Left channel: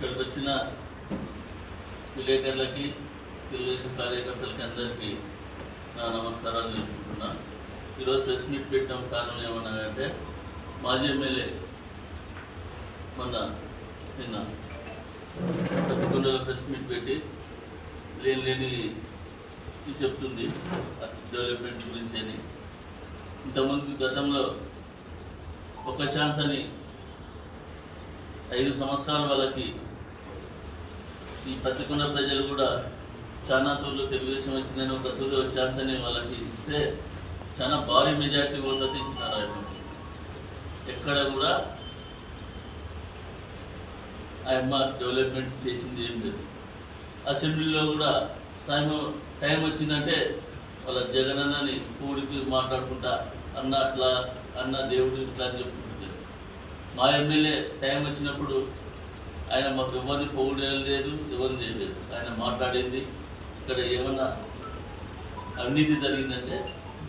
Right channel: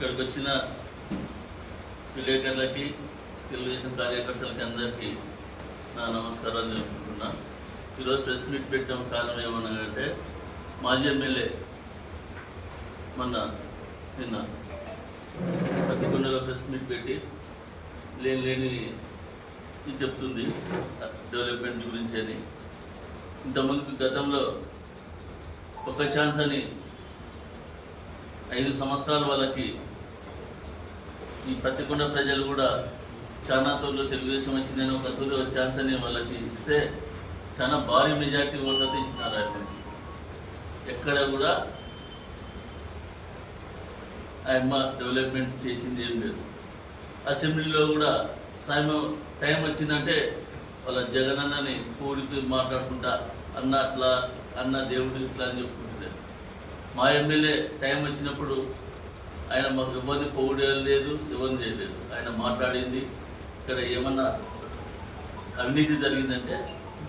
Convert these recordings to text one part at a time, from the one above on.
ఇక్కడికి వచ్చిన విలేకరులకి తెలుగుదేశం కార్యకర్తలకి అందరికీ నా నమస్కారాలు తెలుపుకుంటున్నా. ఈరోజు ప్రెస్ మీట్ పెట్టడం కారణం ఏమన్నా అంటే మాజీ ఎమ్మెల్యే మొన్న నిన్న పర్టికులర్గా ప్రెస్ మీట్ పెట్టి లేని లేని ఇది చెప్తుంది డెవలప్మెంట్ గురించి అని. ఇంతమందికి గతంలో ఒక ఛాన్స్ అని ఐదు సంవత్సరాల వాళ్ళకి ఈ పత్తికొండ ప్రజలు కూడా చాలా తోళ్ళు తెలుగుదేశం వచ్చిందని ఒక తోలు ఛాన్స్ అని వాళ్ళకి ఇస్తే చాలా భారీ మెజార్టీ ఓట్లతో ఇచ్చినారు ఆయనకి ఎక్కడ కూడా ఆయమ్మ డెవలప్మెంట్ చేసింది ఏం లేదు. అసెంబ్లీలో కూడా సాయం టైం వచ్చిందంటే వాళ్ళ జగనన్నని కూడికి మాట్లాడుకుంటా అన్న అట్లా అన్న దేవుడు ఇట్లా అని చెప్పుకుంటారు మా ఎమ్మెల్యే టైం వచ్చినప్పుడు ఆయన మాకు ఎవరిని పొగిడలేదు ఎవరిని చేయలేదు ఆయన మాట్లాడింది. ఇక్కడ ఏమన్నా అవినీతి జరిగిందంటే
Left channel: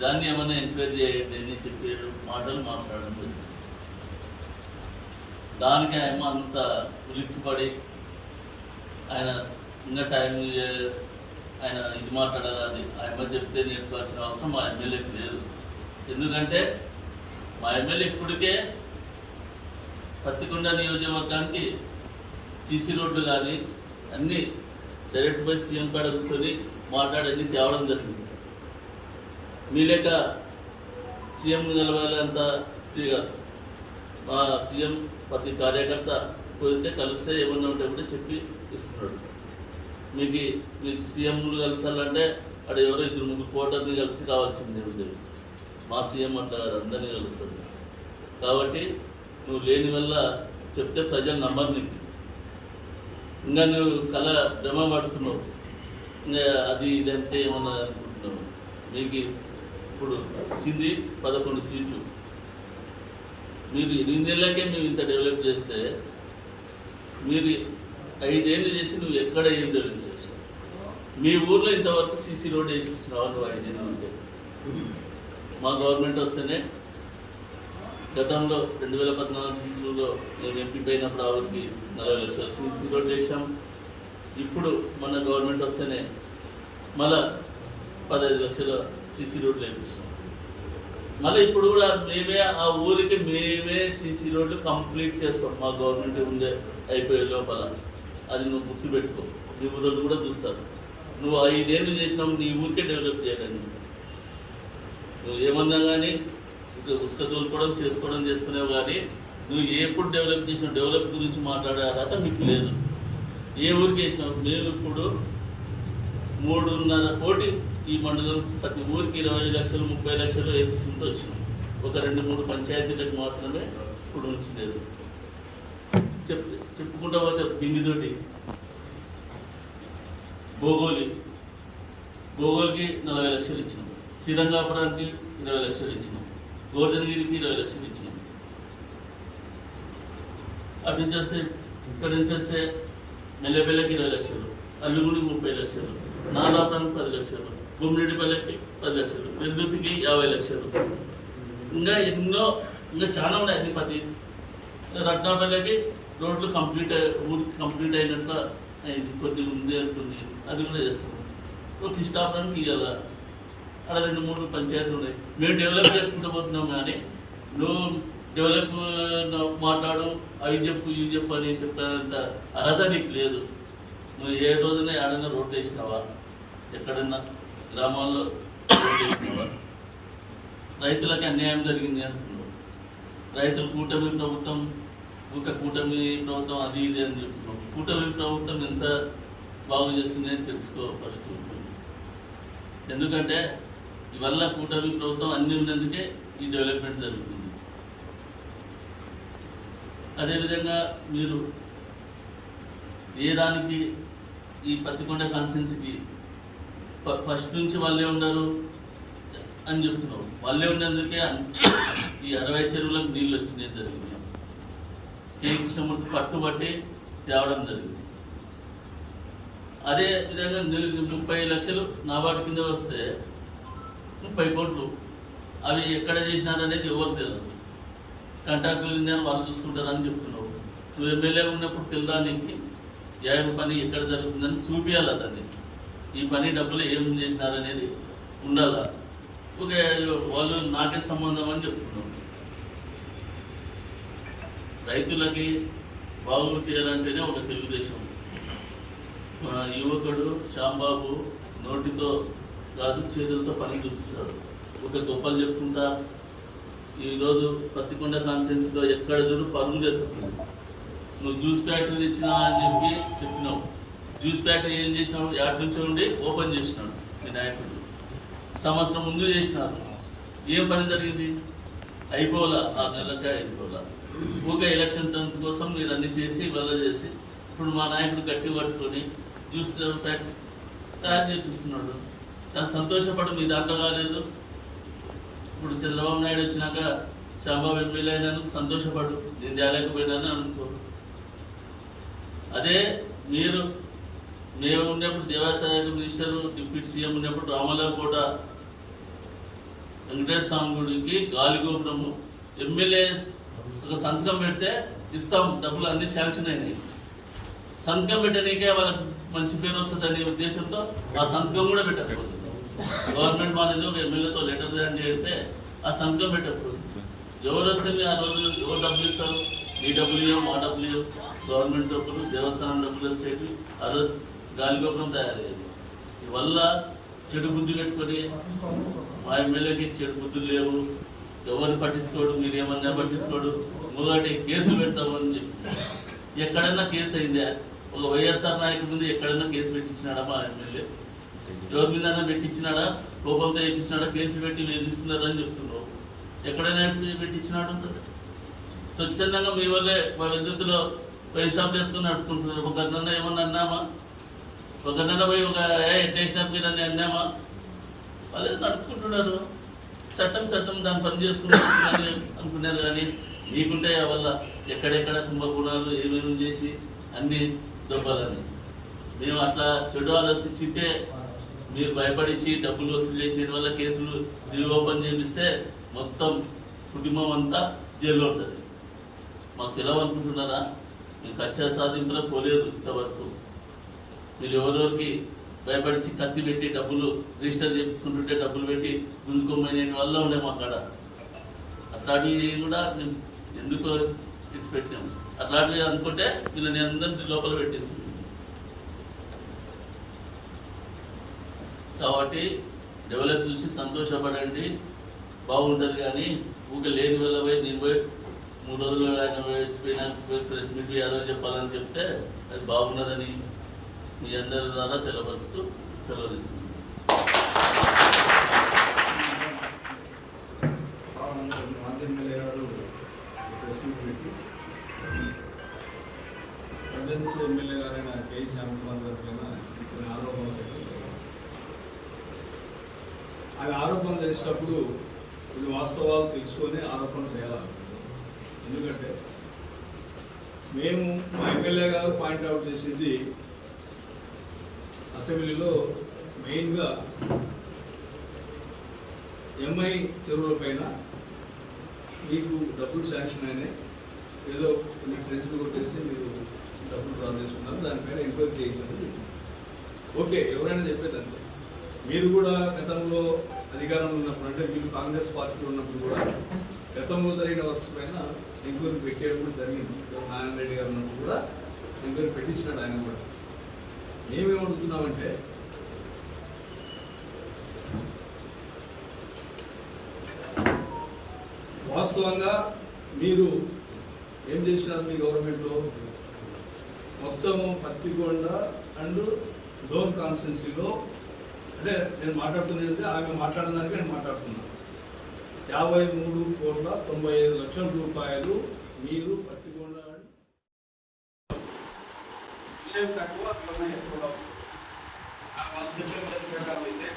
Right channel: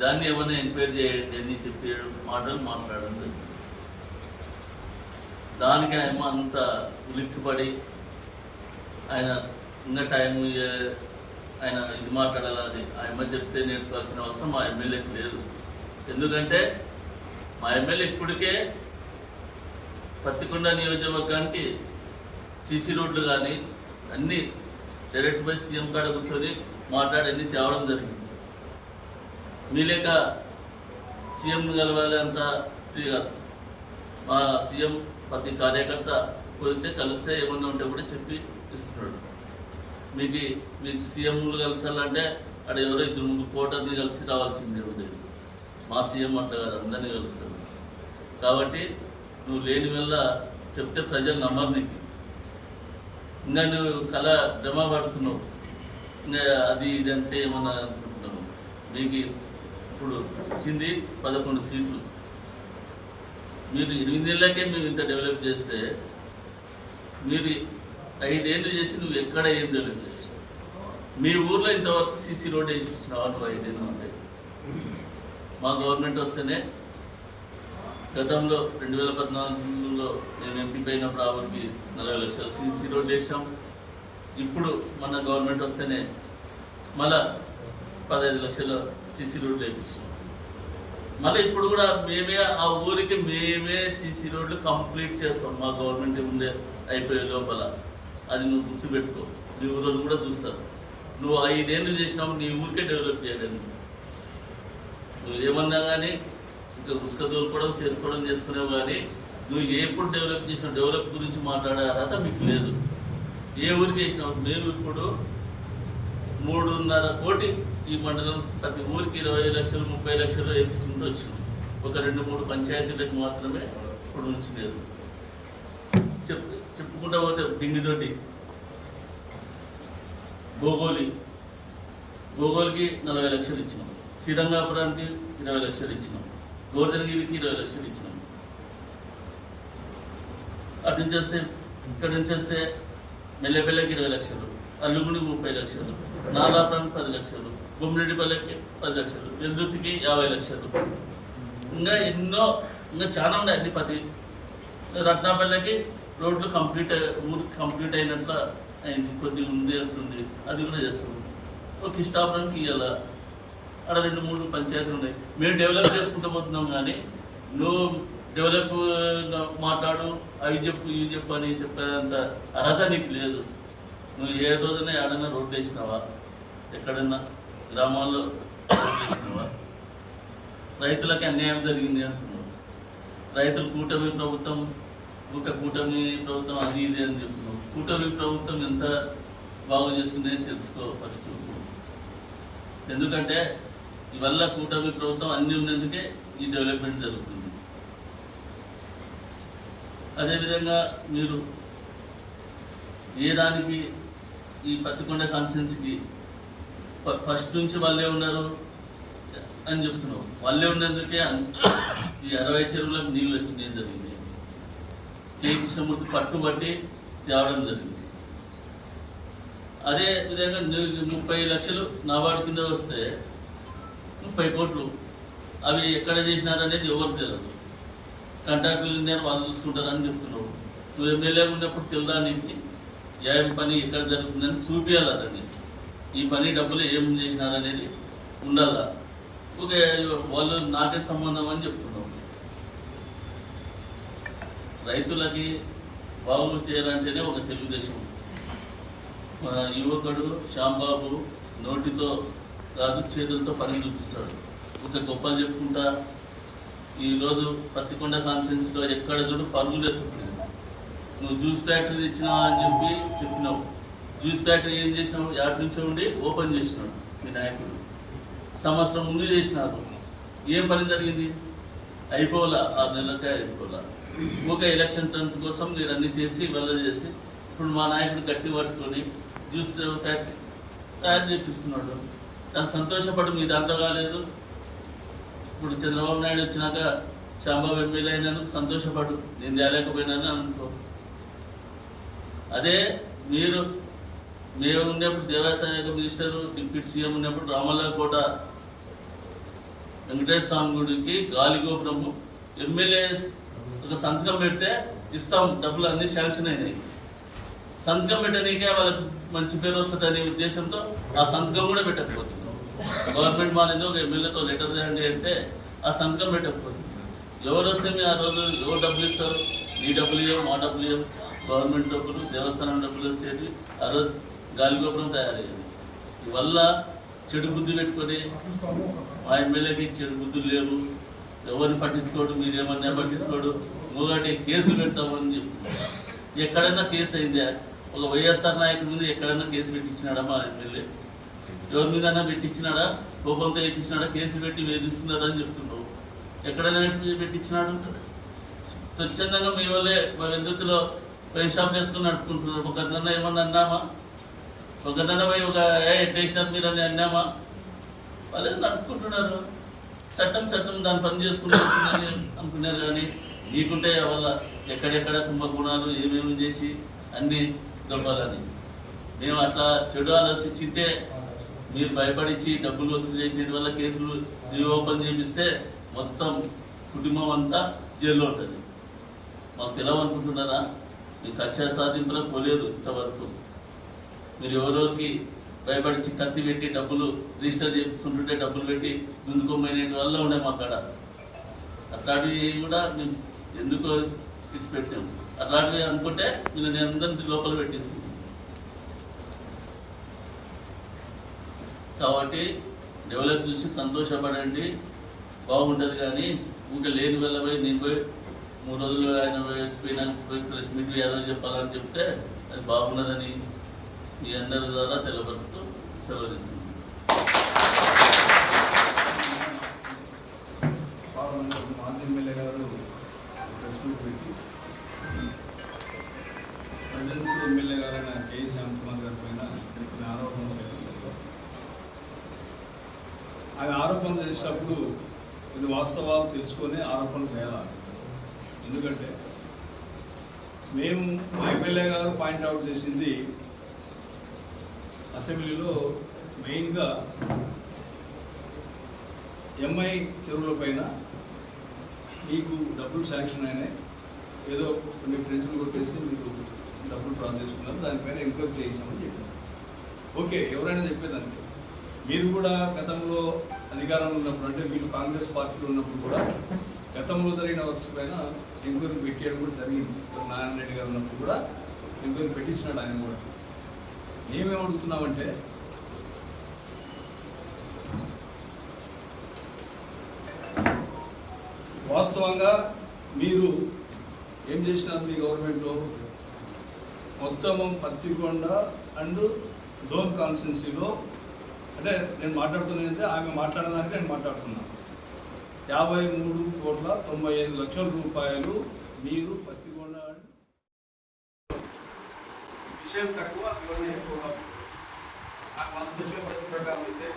దాన్ని ఏమైనా ఎంక్వైరీ చేయండి అని చెప్పే మాటలు మాట్లాడడం జరిగింది. దానికి ఆయన అంత ఉలిక్కిపడి ఆయన ఇంకా టైం ఆయన ఇది మాట్లాడాలని ఆయన చెప్తే నేర్చుకోవాల్సిన అవసరం మా ఎమ్మెల్యేకి లేదు. ఎందుకంటే మా ఎమ్మెల్యే ఇప్పటికే పత్తికొండ నియోజకవర్గానికి సీసీ రోడ్లు కానీ అన్నీ డైరెక్ట్ బై సీఎం కాడ కూర్చొని మాట్లాడి అన్ని తేవడం జరిగింది. మీ లెక్క సీఎం కలవాలి అంత ఇది మా సీఎం ప్రతి కార్యకర్త పోతే కలిస్తే ఏమన్నా ఉంటే కూడా చెప్పి ఇస్తున్నాడు. మీకు మీకు సీఎంలు కలిసాలంటే అక్కడ ఎవరో ఇద్దరు ముగ్గురు కోటర్ని కలిసి రావాల్సిందే ఉండేది మా సీఎం అట్లా కాదు అందరినీ కలుస్తాడు. కాబట్టి నువ్వు లేని వల్ల చెప్తే ప్రజలు నమ్మరు నీకు. ఇంకా నువ్వు కళ భ్రమ పడుతున్నావు. ఇంకా అది ఇది అంటే ఏమన్నా అనుకుంటున్నావు? మీకు ఇప్పుడు వచ్చింది పదకొండు సీట్లు. మీరు ఎనిమిదేళ్ళకే మేము ఇంత డెవలప్ చేస్తే మీరు ఐదేళ్ళు చేసి నువ్వు ఎక్కడ ఏం డెవలప్ చేసావు? మీ ఊర్లో ఇంతవరకు సీసీ రోడ్ వేసి ఇచ్చినావా నువ్వు ఐదేళ్ళు ఉంటే? మా గవర్నమెంట్ వస్తేనే గతంలో రెండు వేల పద్నాలుగులో నేను ఎంపీ పోయినప్పుడు ఆ ఊరికి నలభై లక్షల సీసీ రోడ్ వేసాం ఇప్పుడు మన గవర్నమెంట్ వస్తేనే మళ్ళా పదహైదు లక్షల సీసీ రోడ్లు వేయించాం మళ్ళీ ఇప్పుడు కూడా మేమే ఆ ఊరికి మేమే సీసీ రోడ్లు కంప్లీట్ చేస్తాం. మా గవర్నమెంట్ ఉండే అయిపోయే లోపల. అది నువ్వు గుర్తుపెట్టుకో. నీ ఊళ్ళో కూడా చూస్తారు. నువ్వు ఐదేళ్ళు చేసినావు నీ ఊరికే డెవలప్ చేయలేదు నువ్వు ఏమన్నా కానీ ఇంకా ఉసుక తోలుకోవడం చేసుకోవడం చేసుకునేవి కానీ నువ్వు ఎప్పుడు డెవలప్ చేసినావు డెవలప్ గురించి మాట్లాడే అర్హత మీకు లేదు. ఏ ఊరికి చేసినావు మేము ఇప్పుడు మూడున్నర కోటి ఈ మండలం ప్రతి ఊరికి ఇరవై లక్షలు ముప్పై లక్షలు వేపిస్తుంటూ వచ్చినాం ఒక రెండు మూడు పంచాయతీలకు మాత్రమే ఇప్పుడు ఉంచలేదు. చెప్ చెప్పుకుంటా పోతే బింగితోటి భోగోలి. భోగోలికి నలభై లక్షలు ఇచ్చినాం. శ్రీరంగాపురానికి ఇరవై లక్షలు ఇచ్చినాం. గోవర్ధనగిరికి ఇరవై లక్షలు ఇచ్చినాం అటు నుంచి వస్తే ఇక్కడ నుంచి వస్తే మెల్లెపల్లెకి ఇరవై లక్షలు అల్లుగుడి ముప్పై లక్షలు నాలాపురానికి పది లక్షలు గుమ్మిరెడ్డిపల్లెకి పది లక్షలు విద్యుత్కి యాభై లక్షలు. ఇంకా ఎన్నో ఇంకా చాలా ఉన్నాయి అన్ని పది. రత్నాపల్లెకి రోడ్లు కంప్లీట్ ఊరికి కంప్లీట్ అయినట్లు అయింది కొద్దిగా ఉంది అంటుంది. అది కూడా చేస్తాము ఒక ఇష్టాపురానికి ఇవ్వాలా అక్కడ రెండు మూడు పంచాయతీలు ఉన్నాయి. మేము డెవలప్ చేసుకుంటూ పోతున్నాం కానీ నువ్వు డెవలప్ మాట్లాడు అవి చెప్పు ఇవి చెప్పు అని చెప్పేంత అర్హత నీకు లేదు. నువ్వు ఏ రోజున ఆడైనా రోడ్లు వేసినావా? ఎక్కడన్నా గ్రామాల్లో రోడ్లు వేసినావా? రైతులకు అన్యాయం జరిగింది అంటున్నావు. రైతులు కూటమి ప్రభుత్వం ఒక కూటమి ప్రభుత్వం అది ఇది అని చెప్తున్నావు. కూటమి ప్రభుత్వం ఎంత బాగు చేస్తుందని తెలుసుకో ఫస్ట్. ఎందుకంటే ఇవల్ల కూటమి ప్రభుత్వం అన్ని ఉన్నందుకే ఈ డెవలప్మెంట్ జరుగుతుంది. అదేవిధంగా మీరు ఏ దానికి ఈ పత్తికొండ కాన్స్టిట్యున్సీకి ఫస్ట్ నుంచి వాళ్ళే ఉన్నారు అని చెప్తున్నావు వాళ్ళే ఉన్నందుకే ఈ అరవై చెరువులకు నీళ్ళు వచ్చినాయి జరిగింది. కే. కృష్ణమూర్తి పట్టుబట్టి తేవడం జరిగింది. అదే విధంగా ముప్పై లక్షలు నాబార్డు కింద వస్తే ముప్పై కోట్లు. అవి ఎక్కడ చేసినారనేది ఎవరు తెలియదు కాంట్రాక్టులు నేను వాళ్ళు చూసుకుంటారని చెప్తున్నావు. నువ్వు ఎమ్మెల్యే ఉన్నప్పుడు తెలుదా నీకు? ఏం పని ఎక్కడ జరుగుతుందని చూపించాలి దాన్ని. ఈ పని డబ్బులు ఏం చేసినారనేది ఉండాల. ఓకే వాళ్ళు నాకే సంబంధం అని చెప్తున్నాం రైతులకి బాగు చేయాలంటేనే ఒక తెలుగుదేశం. యువకుడు శ్యాంబాబు నోటితో కాదు చేతులతో పని చూపిస్తాడు. ఒక గొప్పలు చెప్పుకుంటా ఈరోజు పత్తికొండ కాన్సెన్స్లో ఎక్కడ చూడు పరుగులు ఎత్తుతున్నాయి. నువ్వు జ్యూస్ ఫ్యాక్టరీ ఇచ్చినావా అని చెప్పి చెప్పినావు. జ్యూస్ ఫ్యాక్టరీ ఏం చేసినావు? యాడ్ నుంచి ఉండి ఓపెన్ చేసినాడు మీ నాయకుడు. సంవత్సరం ముందు చేసినారు. ఏం పని జరిగింది? అయిపోవాలా? ఆరు నెలలకే అయిపోవాలా? ఒక ఎలక్షన్ టెన్త్ కోసం మీరు అన్ని చేసి వెళ్ళ చేసి ఇప్పుడు మా నాయకుడు గట్టి పట్టుకొని జ్యూస్ ఫ్యాక్టరీ తయారు చేపిస్తున్నాడు. దానికి సంతోషపడు మీ దాంట్లో కాలేదు. ఇప్పుడు చంద్రబాబు నాయుడు వచ్చినాక శాంబాబు ఎమ్మెల్యే అయినందుకు సంతోషపడు. నేను తేలేకపోయినాను అనుకో. అదే మీరు మేము ఉన్నప్పుడు దేవాసాయ మినిస్టర్ డిప్యూటీ సీఎం ఉన్నప్పుడు రామలకోట వెంకటేశ్వర స్వామి గుడికి గాలి గోపురము. ఎమ్మెల్యే ఒక సంతకం పెడితే ఇస్తాం డబ్బులు అన్ని శాంక్షన్ అయినాయి. సంతకం పెట్టడానికే వాళ్ళకి మంచి పేరు వస్తుంది అనే ఉద్దేశంతో ఆ సంతకం కూడా పెట్టకపోతుంది గవర్నమెంట్ మానేది ఒక ఎమ్మెల్యేతో లెటర్ తేండి అంటే ఆ సంతకం పెట్టకపోయింది. ఎవరు వస్తే మీ ఆ రోజు ఎవరు డబ్బులు ఇస్తారు? నీ డబ్బులు మా డబ్బులు గవర్నమెంట్ డబ్బులు దేవస్థానం డబ్బులు స్టేట్ ఆ రోజు గాలిగోపురం తయారయ్యేది. ఇవల్ల చెడు బుద్ధి పెట్టుకొని మా ఎమ్మెల్యేకి చెడు బుద్ధులు లేవు. ఎవరిని పట్టించుకోడు మీరు ఏమన్నా పట్టించుకోడు? మొగాటి కేసు పెడతామని చెప్పి. ఎక్కడన్నా కేసు అయిందా? ఒక వైఎస్ఆర్ నాయకుడి మీద ఎక్కడన్నా కేసు పెట్టించినాడా మా ఎమ్మెల్యే? ఎవరి మీద పెట్టించినాడా? కోపంతో వేయించినాడా కేసు పెట్టి వేధిస్తున్నారని చెప్తున్నావు. ఎక్కడైనా పెట్టించినాడు? స్వచ్ఛందంగా మీ వల్లే మా విద్యుత్తులో వైన్ షాప్ వేసుకుని నడుపుకుంటున్నారు. ఒక అన్న ఏమన్నా అన్నామా? ఒక అన్న పోయి ఒక ఏ ఎట్టేసినారు మీరు అని అన్నామా? వాళ్ళు నడుపుకుంటున్నారు. చట్టం చట్టం దాని పని చేసుకుంటున్నారు అనుకున్నారు కానీ నీకుంటే వల్ల ఎక్కడెక్కడ కుంభకోణాలు ఏమేమి చేసి అన్నీ దొబ్బాలని. మేము అట్లా చెడు ఆలోచించింటే మీరు భయపడిచి డబ్బులు వసూలు చేసిన వల్ల కేసులు రీఓపెన్ చేపిస్తే మొత్తం కుటుంబం అంతా జైల్లో ఉంటుంది. మాకు తెలవనుకుంటున్నారా నేను కక్ష సాధింపులకు పోలేదు ఇంతవరకు. మీరు ఎవరెవరికి భయపడిచి కత్తి పెట్టి డబ్బులు రిజిస్టర్ చేపించుకుంటుంటే డబ్బులు పెట్టి ముందుకోమనే వల్ల ఉండే మాకాడ అట్లాంటివి కూడా మేము ఎందుకో ఇచ్చిపెట్టాము అట్లాంటివి అనుకుంటే మీరు నేను అందరినీ లోపల పెట్టేస్తున్నాను కాబట్టి డెవలప్ చూసి సంతోషపడండి. బాగుంటుంది కానీ ఊరికే లేని వెళ్ళబోయి నేను పోయి మూడు రోజులు ఆయన పోయి పోయినాక పోయి ప్రెస్ మీట్ ఏదో చెప్పాలని చెప్తే అది బాగున్నదని మీ అందరి ద్వారా తెలపరుస్తూ సెలవు తీసుకుంటాం మాజీ ఎమ్మెల్యే గారు ప్రెస్ మీట్ పెట్టి ప్రజెంట్ ఎమ్మెల్యే గారైన కేఈ శ్యామ్కుమార్ గారి పైన కొన్ని ఆరోపణలు చేయడం అది ఆరోపణలు చేసేటప్పుడు కొన్ని వాస్తవాలు తెలుసుకొని ఆరోపణలు చేయాలి? ఎందుకంటే మేము మా ఎమ్మెల్యే గారు పాయింట్అవుట్ చేసింది అసెంబ్లీలో మెయిన్గా ఎంఐ చెరువుల పైన మీకు డబ్బులు శాంక్షన్ అయినాయి. ఏదో కొన్ని ఫ్రెండ్స్లు కొట్టేసి మీరు డబ్బులు డ్రా చేసుకున్నారు. దానిపైన ఎంక్వైరీ చేయించామని చెప్పినారు. ఓకే ఎవరైనా చెప్పేదంతే మీరు కూడా గతంలో అధికారంలో ఉన్నప్పుడు అంటే మీరు కాంగ్రెస్ పార్టీలో ఉన్నప్పుడు కూడా గతంలో జరిగిన వర్క్స్ పైన ఎంక్వైరీ పెట్టేయడం కూడా జరిగింది. నారాయణ రెడ్డి గారు ఉన్నప్పుడు కూడా ఎంక్వైరీ పెట్టించినాడు ఆయన కూడా. ఏమేమి అడుగుతున్నామంటే వాస్తవంగా మీరు ఏం చేసినారు మీ గవర్నమెంట్లో? మొత్తము పత్తికొండ అండ్ డోన్ కాన్స్టిట్యున్సీలో అంటే నేను మాట్లాడుతున్నది అంటే ఆమె మాట్లాడడానికి నేను మాట్లాడుతున్నాను యాభై మూడు కోట్ల తొంభై ఐదు లక్షల రూపాయలు మీరు పత్తికొండ విషయం తక్కువ వివరణ ఎక్కువగా పద్ధతి ప్రకారం అయితే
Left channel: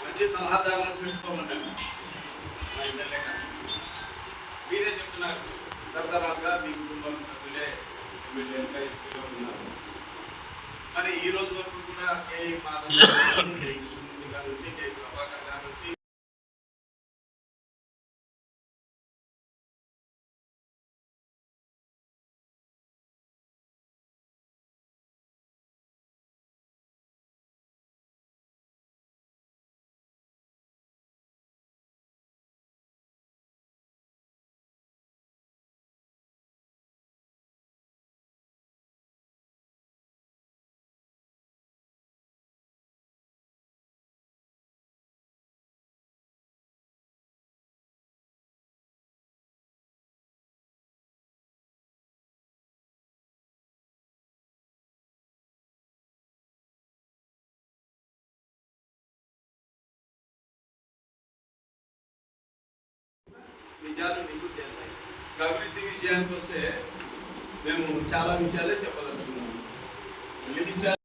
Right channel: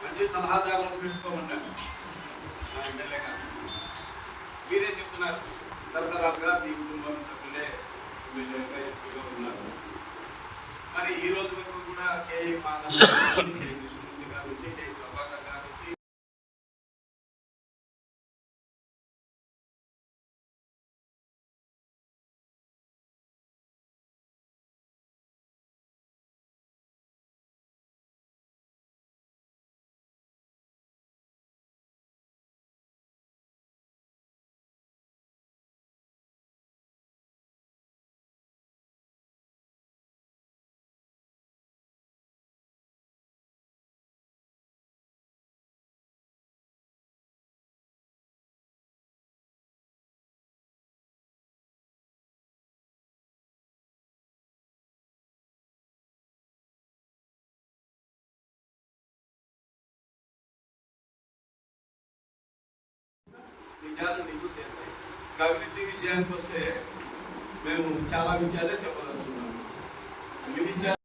మంచి సలహాదారులను పెట్టుకోమన్నాను మా ఎమ్మెల్యే గారు. మీరే చెప్తున్నారు? తరతరాలుగా మీ కుటుంబం సభ్యులే ఎమ్మెల్యేలుగా ఎత్తుకుంటున్నారు. మరి ఈ రోజు వరకు కూడా కేఏ మాధవ్ గారు, కృష్ణమూర్తి గారు ప్రభాకర్ గారు అభివృద్ధి విషయానికి వస్తే మేము చాలా విషయాలే చెప్పదలుచుకున్నాము. అన్ని విషయాలు